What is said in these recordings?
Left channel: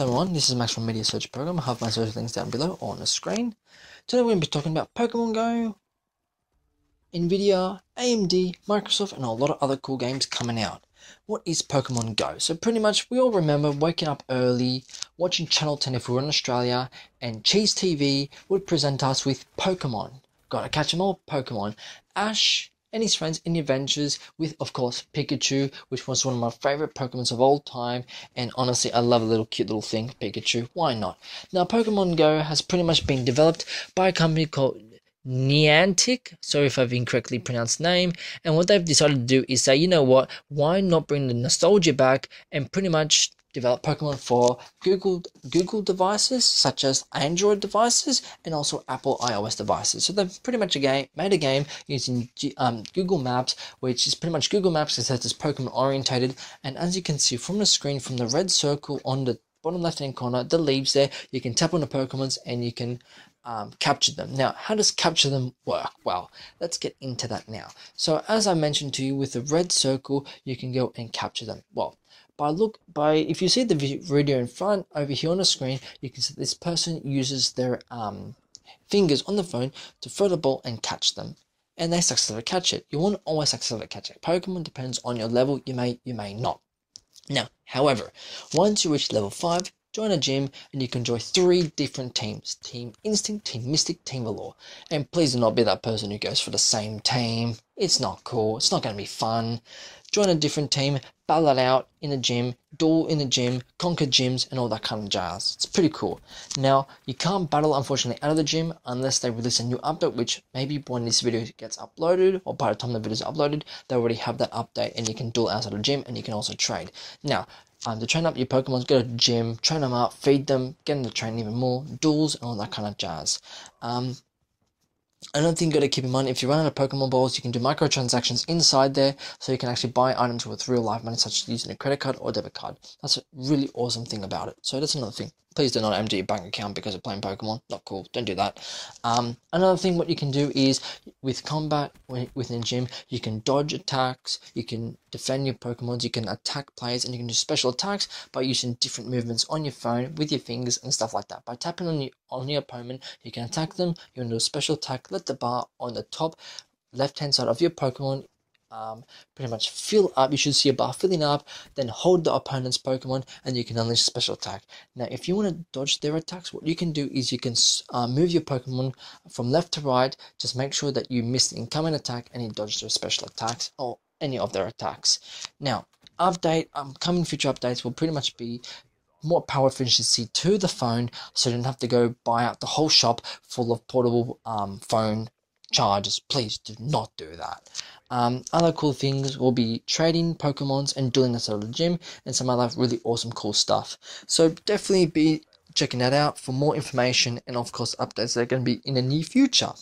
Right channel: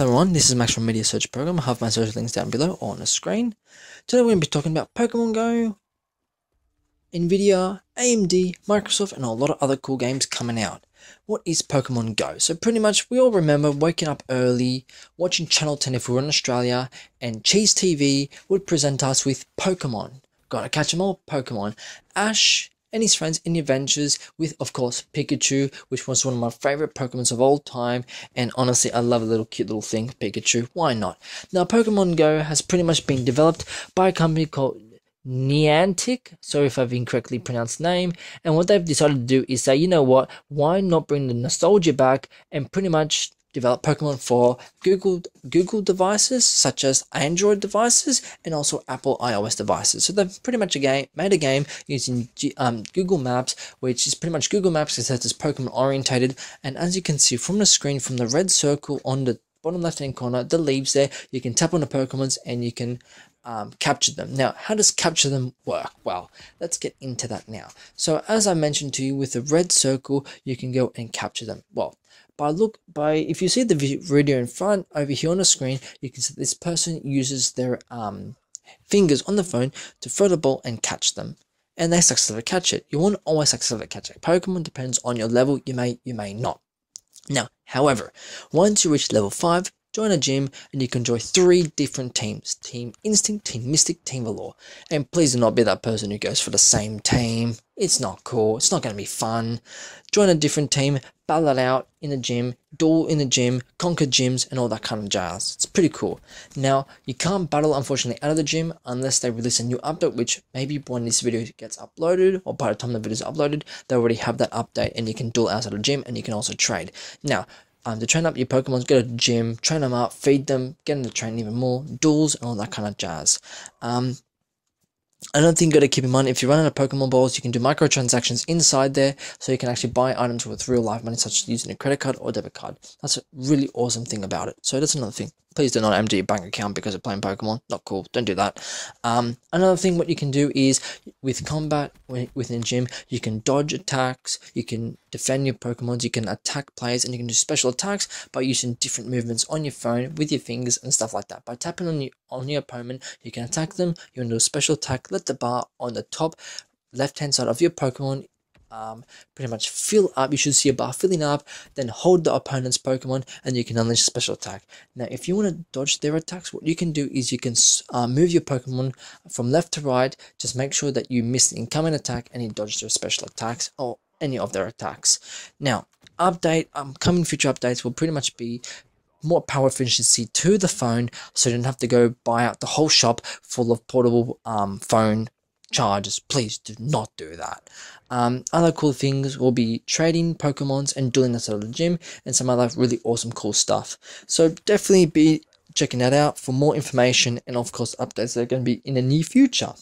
Hello everyone, this is Max from MediaSearchProgram. I have my social links down below or on the screen. Today we're going to be talking about Pokemon Go, Nvidia, AMD, Microsoft, and a lot of other cool games coming out. What is Pokemon Go? So pretty much we all remember waking up early, watching Channel 10 if we were in Australia, and Cheese TV would present us with Pokemon. Gotta catch them all, Pokemon. Ash and his friends in the adventures with, of course, Pikachu, which was one of my favorite Pokemons of all time, and honestly, I love a little cute little thing, Pikachu, why not? Now, Pokemon Go has pretty much been developed by a company called Niantic, sorry if I've incorrectly pronounced the name, and what they've decided to do is say, you know what, why not bring the nostalgia back and pretty much develop Pokemon for Google devices, such as Android devices, and also Apple iOS devices. So they've pretty much made a game using Google Maps, which is pretty much Google Maps except it's Pokemon orientated. And as you can see from the screen, from the red circle on the bottom left hand corner, the leaves there, you can tap on the Pokemons and you can capture them. Now, how does capture them work? Well, let's get into that now. So as I mentioned to you, with the red circle, you can go and capture them. Well, if you see the video in front over here on the screen, you can see this person uses their fingers on the phone to throw the ball and catch them, and they successfully catch it. You won't always successfully catch a Pokemon, depends on your level. You may not. Now, however, once you reach level 5, join a gym and you can join 3 different teams: Team Instinct, Team Mystic, Team Valor. And please do not be that person who goes for the same team. It's not cool. It's not going to be fun. Join a different team, battle it out in the gym, duel in the gym, conquer gyms, and all that kind of jazz. It's pretty cool. Now, you can't battle, unfortunately, out of the gym unless they release a new update, which maybe when this video gets uploaded, or by the time the video is uploaded, they already have that update, and you can duel outside of the gym, and you can also trade. Now, to train up your Pokemon, go to the gym, train them up, feed them, get them to train even more, duels, and all that kind of jazz. Another thing you got to keep in mind, if you run out of Pokemon balls, you can do microtransactions inside there, so you can actually buy items with real life money, such as using a credit card or debit card. That's a really awesome thing about it. So that's another thing. Please do not empty your bank account because of playing Pokemon. Not cool. Don't do that. Another thing what you can do is, with combat within the gym, you can dodge attacks, you can defend your Pokemons, you can attack players, and you can do special attacks by using different movements on your phone with your fingers and stuff like that. By tapping on your opponent, you can attack them. You can do a special attack. Let the bar on the top left-hand side of your Pokemon pretty much fill up. You should see a bar filling up, then hold the opponent's Pokemon and you can unleash a special attack. Now, if you want to dodge their attacks, what you can do is you can move your Pokemon from left to right. Just make sure that you miss the incoming attack and you dodge their special attacks or any of their attacks. Now, coming future updates will pretty much be more power efficiency to the phone, so you don't have to go buy out the whole shop full of portable phone chargers. Please do not do that. Other cool things will be trading Pokemons and doing this at the gym, and some other really awesome cool stuff. So definitely be checking that out for more information, and of course updates that are going to be in the near future.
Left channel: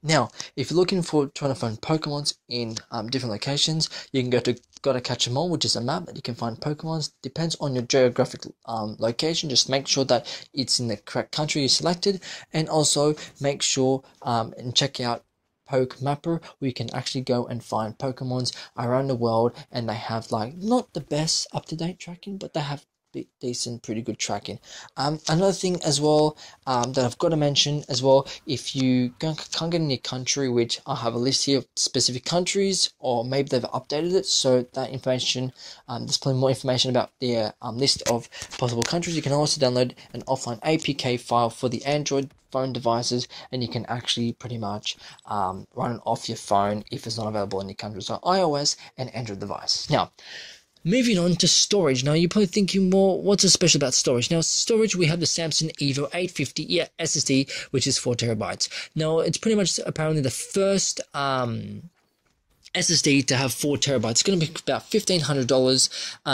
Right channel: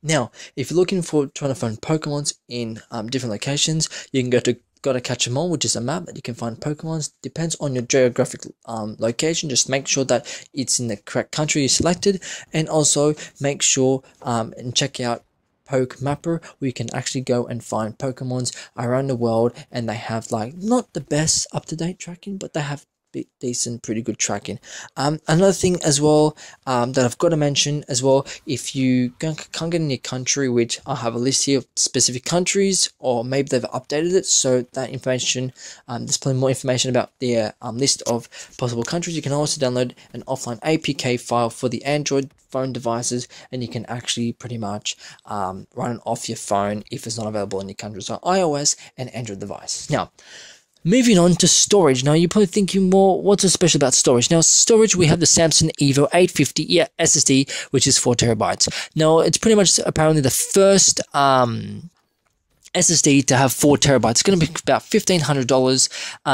Now, if you're looking for trying to find Pokemons in different locations, you can go to Gotta Catch 'Em All, which is a map that you can find Pokemons. Depends on your geographic location. Just make sure that it's in the correct country you selected, and also make sure and check out Poke Mapper, where you can actually go and find Pokemons around the world, and they have like not the best up-to-date tracking, but they have decent, pretty good tracking. Another thing as well that I've got to mention as well, if you can't get in your country, which I have a list here of specific countries, or maybe they've updated it, so that information, there's plenty more information about their list of possible countries. You can also download an offline APK file for the Android phone devices, and you can actually pretty much run it off your phone if it's not available in your country. So iOS and Android device. Now, moving on to storage. Now, you're probably thinking, well, what's so special about storage? Now, storage, we have the Samsung Evo 850 SSD, which is 4 terabytes. Now, it's pretty much apparently the first SSD to have 4 terabytes. It's going to be about $1,500.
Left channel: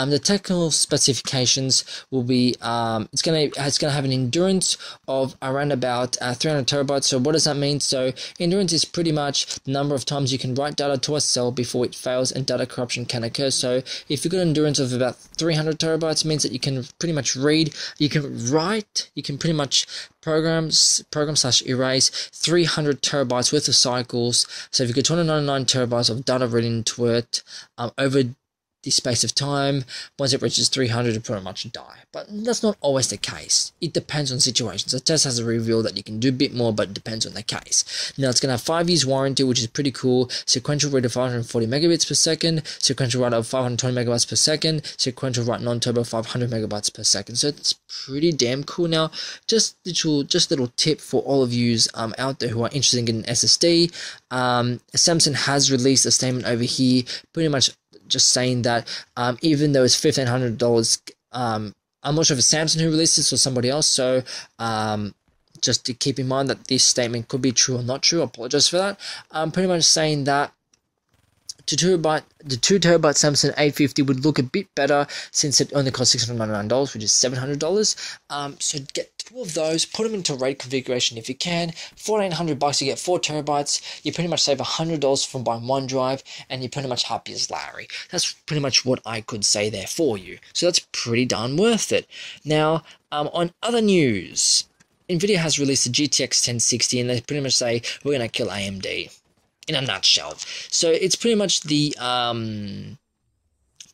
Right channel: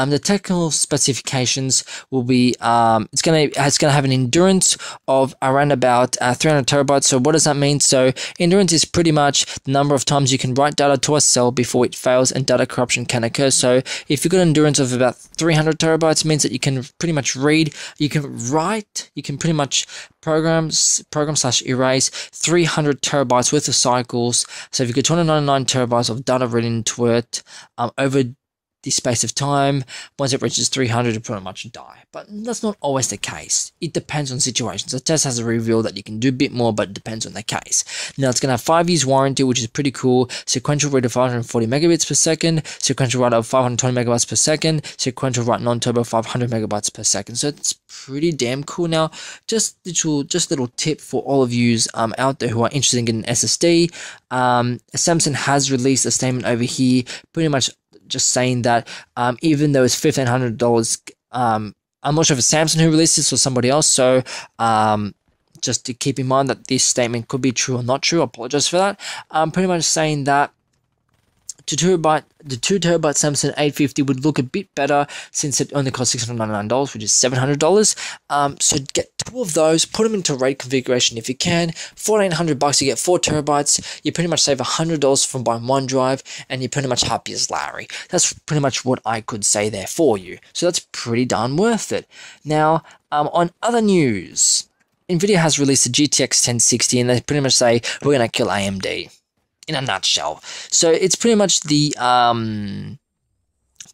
The technical specifications will be it's going to have an endurance of around about 300 terabytes. So what does that mean? So endurance is pretty much the number of times you can write data to a cell before it fails and data corruption can occur. So if you've got an endurance of about 300 terabytes, it means that you can pretty much read, you can write, you can pretty much program/erase 300 terabytes worth of cycles. So if you get 299 terabytes of data written into it over the space of time. Once it reaches 300, it pretty much die. But that's not always the case. It depends on situations. The test has a reveal that you can do a bit more, but it depends on the case. Now, it's going to have 5 years warranty, which is pretty cool. Sequential read of 540 megabits per second, sequential write of 520 megabytes per second, sequential write non-turbo 500 megabytes per second. So it's pretty damn cool. Now, just little tip for all of you out there who are interested in getting an SSD. Samsung has released a statement over here, pretty much just saying that even though it's $1,500, I'm not sure if it's Samsung who released this or somebody else, so just to keep in mind that this statement could be true or not true. I apologize for that. Pretty much saying that the 2 terabyte Samsung 850 would look a bit better since it only costs $699, which is $700. So get 2 of those, put them into RAID configuration if you can. $1,400, you get 4 terabytes. You pretty much save $100 from buying 1 drive, and you're pretty much happy as Larry. That's pretty much what I could say there for you. So that's pretty darn worth it. Now, on other news, Nvidia has released the GTX 1060, and they pretty much say we're going to kill AMD. In a nutshell. So it's pretty much the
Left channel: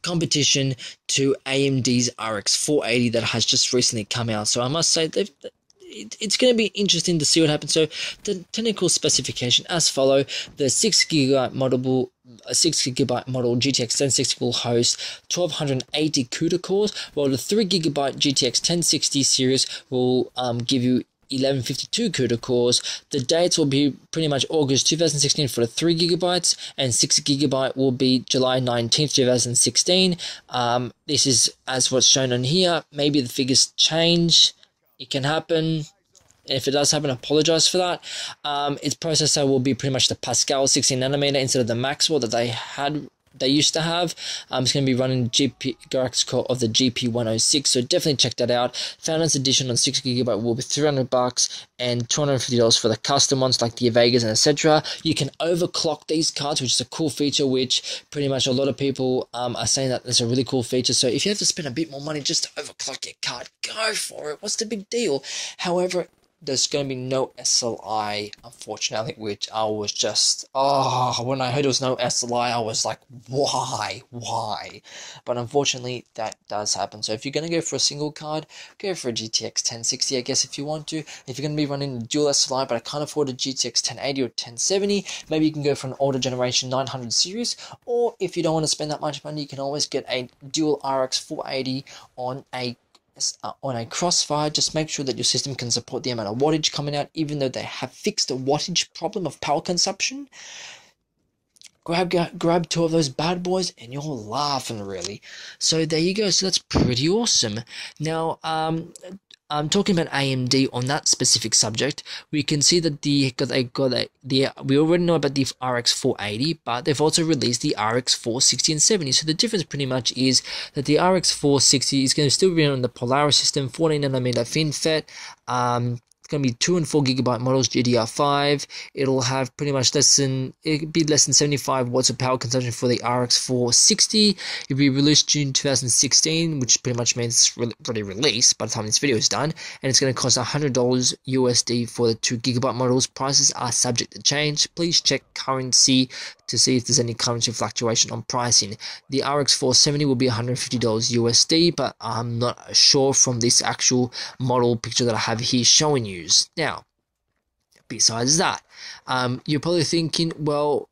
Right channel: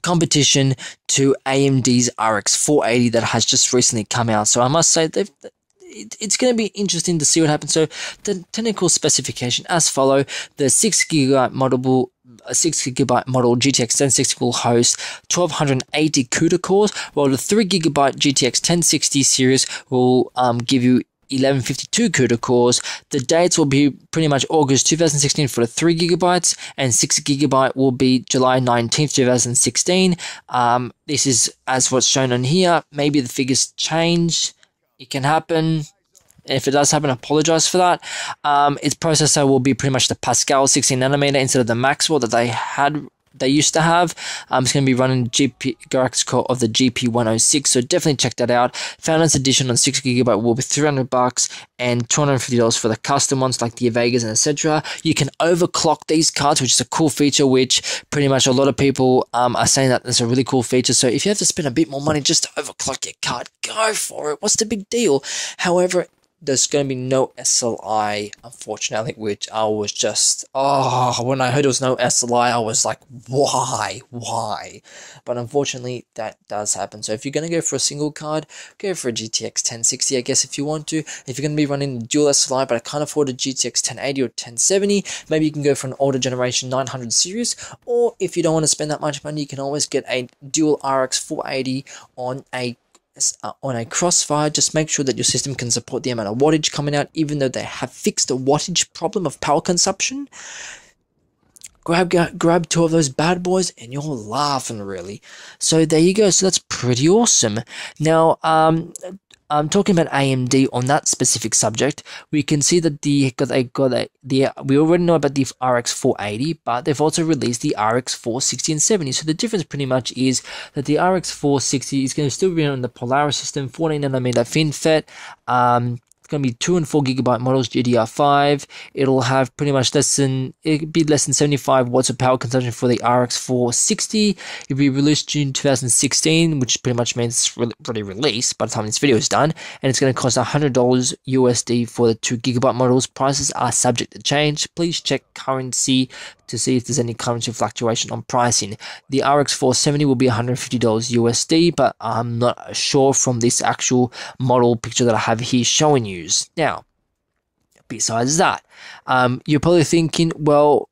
competition to AMD's RX 480 that has just recently come out. So I must say it's going to be interesting to see what happens. So the technical specification as follow: the 6 gigabyte model GTX 1060 will host 1280 CUDA cores, while the 3 gigabyte GTX 1060 series will give you 1152 CUDA cores. The dates will be pretty much August 2016 for the 3 gigabytes, and 6 gigabyte will be July 19th, 2016. This is as what's shown on here. Maybe the figures change. It can happen. If it does happen, I apologize for that. Its processor will be pretty much the Pascal 16 nanometer instead of the Maxwell that they used to have. It's going to be running graphics core of the GP106, so definitely check that out. Founders Edition on 6 gigabyte will be $300 and $250 for the custom ones like the Vegas and etc. You can overclock these cards, which is a cool feature, which pretty much a lot of people are saying that it's a really cool feature. So if you have to spend a bit more money just to overclock your card, go for it. What's the big deal? However, there's going to be no SLI, unfortunately, which I was just, when I heard there was no SLI, I was like, why? But unfortunately, that does happen. So if you're going to go for a single card, go for a GTX 1060, I guess, if you want to. If you're going to be running dual SLI, but I can't afford a GTX 1080 or 1070, maybe you can go for an older generation 900 series, or if you don't want to spend that much money, you can always get a dual RX 480 on a Crossfire. Just make sure that your system can support the amount of wattage coming out, even though they have fixed the wattage problem of power consumption. Grab 2 of those bad boys and you're laughing, really. So there you go. So that's pretty awesome. Now, I'm talking about AMD on that specific subject. We can see that we already know about the RX 480, but they've also released the RX 460 and 70. So the difference pretty much is that the RX 460 is going to still be on the Polaris system, 14 nanometer FinFET. It's going to be 2 and 4 gigabyte models, GDR5. It'll have pretty much less than 75 watts of power consumption for the RX 460. It'll be released June 2016, which pretty much means it's already released by the time this video is done. And it's going to cost $100 USD for the 2 gigabyte models. Prices are subject to change. Please check currency to see if there's any currency fluctuation on pricing. The RX 470 will be $150 USD, but I'm not sure from this actual model picture that I have here showing you. Now, besides that, you're probably thinking, well,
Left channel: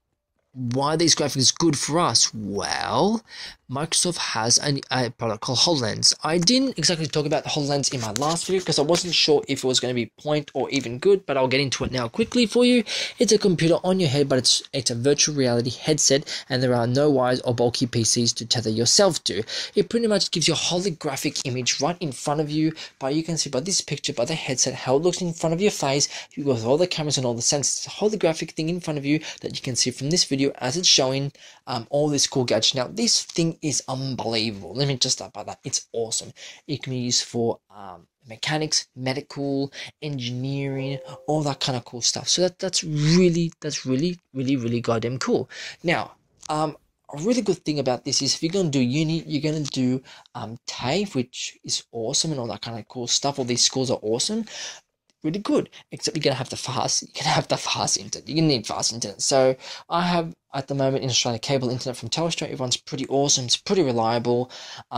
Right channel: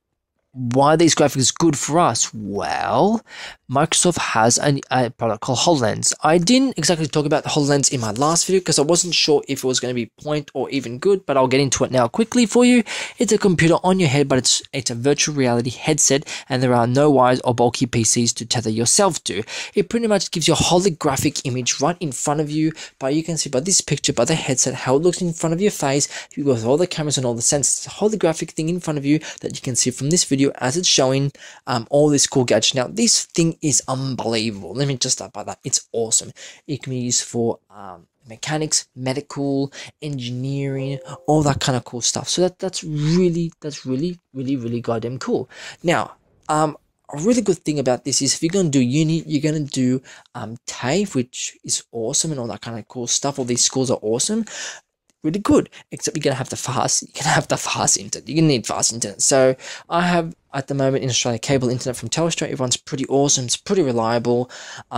why are these graphics good for us? Well, Microsoft has a product called HoloLens. I didn't exactly talk about the HoloLens in my last video because I wasn't sure if it was going to be point or even good, but I'll get into it now quickly for you. It's a computer on your head, but it's a virtual reality headset, and there are no wires or bulky PCs to tether yourself to. It pretty much gives you a holographic image right in front of you, but you can see by this picture, by the headset, how it looks in front of your face. You go with all the cameras and all the sensors, it's a holographic thing in front of you that you can see from this video as it's showing all this cool gadgets. Now, this thing is unbelievable. Let me just start by that. It's awesome. It can be used for mechanics, medical, engineering, all that kind of cool stuff. So that's really goddamn cool. Now, a really good thing about this is if you're going to do uni, you're going to do TAFE, which is awesome, and all that kind of cool stuff. All these schools are awesome. really good, except you're gonna have the fast internet. You're gonna need fast internet. So I have at the moment in Australia cable internet from Telstra. It runs pretty awesome. It's pretty reliable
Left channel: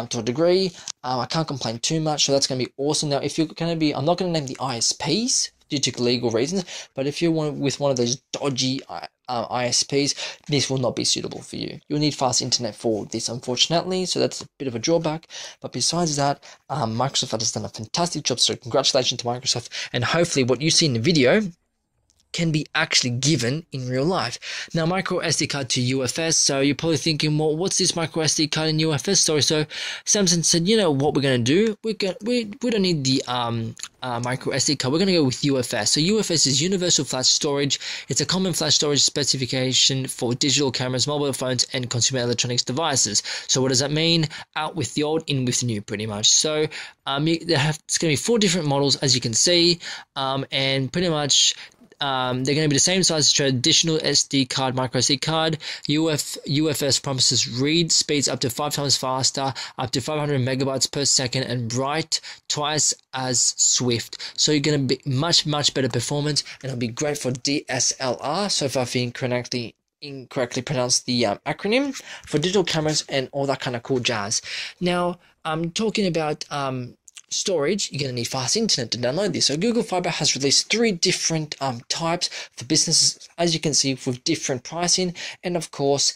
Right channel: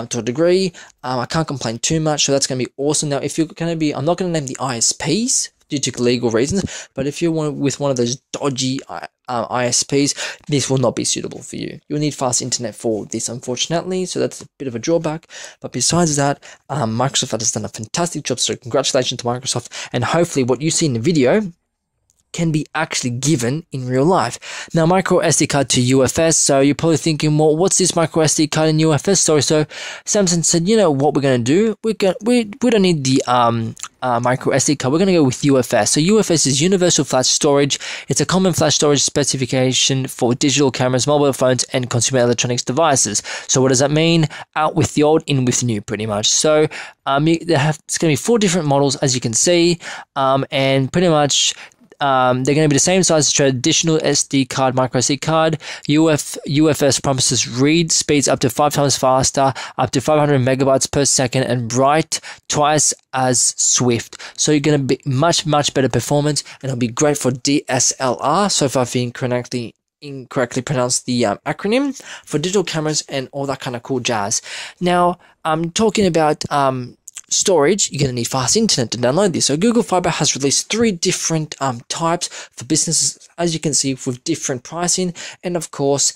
to a degree. I can't complain too much, so that's gonna be awesome. Now, if you're gonna be, I'm not gonna name the ISPs due to legal reasons, but if you're with one of those dodgy ISPs, this will not be suitable for you. You'll need fast internet for this, unfortunately, so that's a bit of a drawback. But besides that, Microsoft has done a fantastic job, so congratulations to Microsoft, and hopefully what you see in the video can be actually given in real life. Now, micro SD card to UFS. So you're probably thinking, well, what's this micro SD card in UFS story? So Samsung said, you know what we're gonna do? We don't need the micro SD card. We're gonna go with UFS. So UFS is Universal Flash Storage. It's a common flash storage specification for digital cameras, mobile phones, and consumer electronics devices. So what does that mean? Out with the old, in with the new, pretty much. So it's gonna be 4 different models, as you can see, and pretty much. They're going to be the same size as traditional SD card, micro SD card. UFS promises read speeds up to 5 times faster, up to 500 megabytes per second, and write twice as swift. So you're going to be much better performance, and it'll be great for DSLR. So if I've incorrectly pronounced the acronym for digital cameras and all that kind of cool jazz. Now, I'm talking about storage. You're going to need fast internet to download this. So Google Fiber has released 3 different types for businesses, as you can see, with different pricing and of course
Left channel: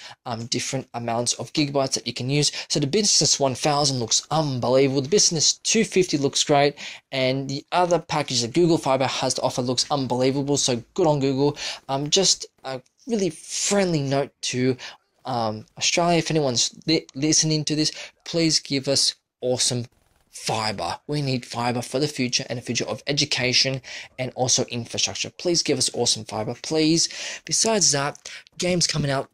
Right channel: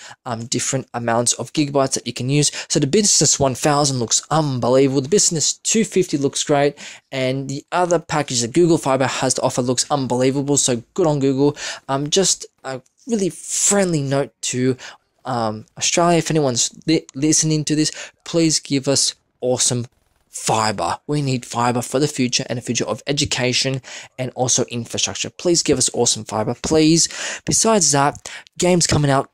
different amounts of gigabytes that you can use. So the Business 1000 looks unbelievable. The Business 250 looks great, and the other package that Google Fiber has to offer looks unbelievable. So good on Google. Just a really friendly note to Australia. If anyone's listening to this, please give us awesome fiber. We need fiber for the future and the future of education and also infrastructure. Please give us awesome fiber, please. Besides that, games coming out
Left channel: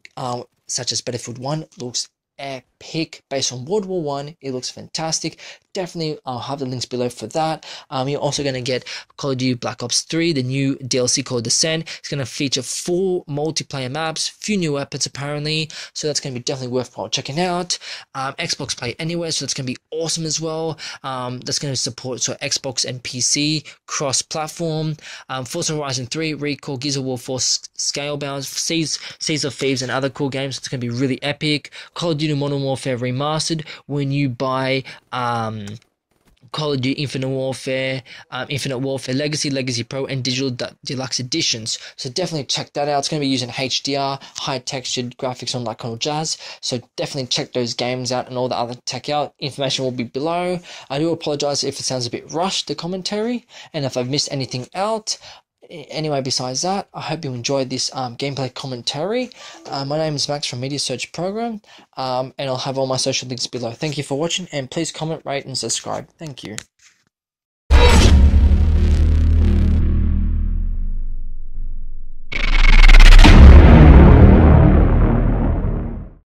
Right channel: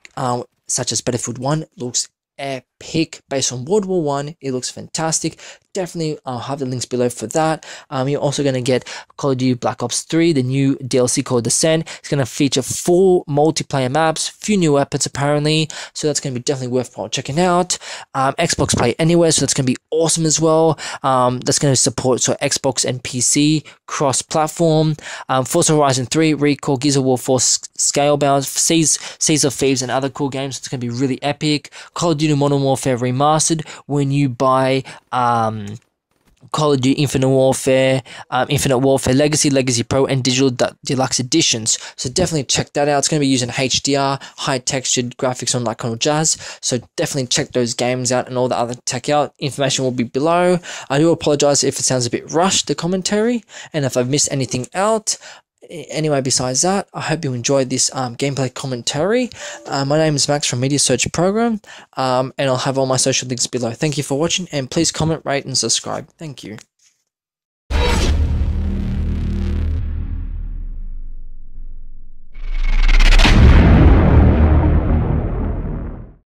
such as Battlefield 1 looks epic. Based on World War One, it looks fantastic. Definitely, I'll have the links below for that. You're also going to get Call of Duty Black Ops 3, the new DLC called Descent. It's going to feature 4 multiplayer maps, few new weapons apparently, so that's going to be definitely worthwhile checking out. Xbox Play Anywhere, so that's going to be awesome as well. That's going to support Xbox and PC cross-platform. Forza Horizon 3, Recall, Gears of War 4, Scalebound, Seas of Thieves, and other cool games. It's going to be really epic. Call of Duty Modern Warfare Remastered, when you buy Call of Duty Infinite Warfare Legacy, Legacy Pro, and Digital Deluxe Editions. So definitely check that out. It's going to be using HDR, high textured graphics, on that kind of jazz. So definitely check those games out and all the other tech out. Information will be below. I do apologize if it sounds a bit rushed, the commentary, and if I've missed anything out. Anyway, besides that, I hope you enjoyed this gameplay commentary. My name is Max from MediaSearchProgram, and I'll have all my social links below. Thank you for watching, and please comment, rate, and subscribe. Thank you.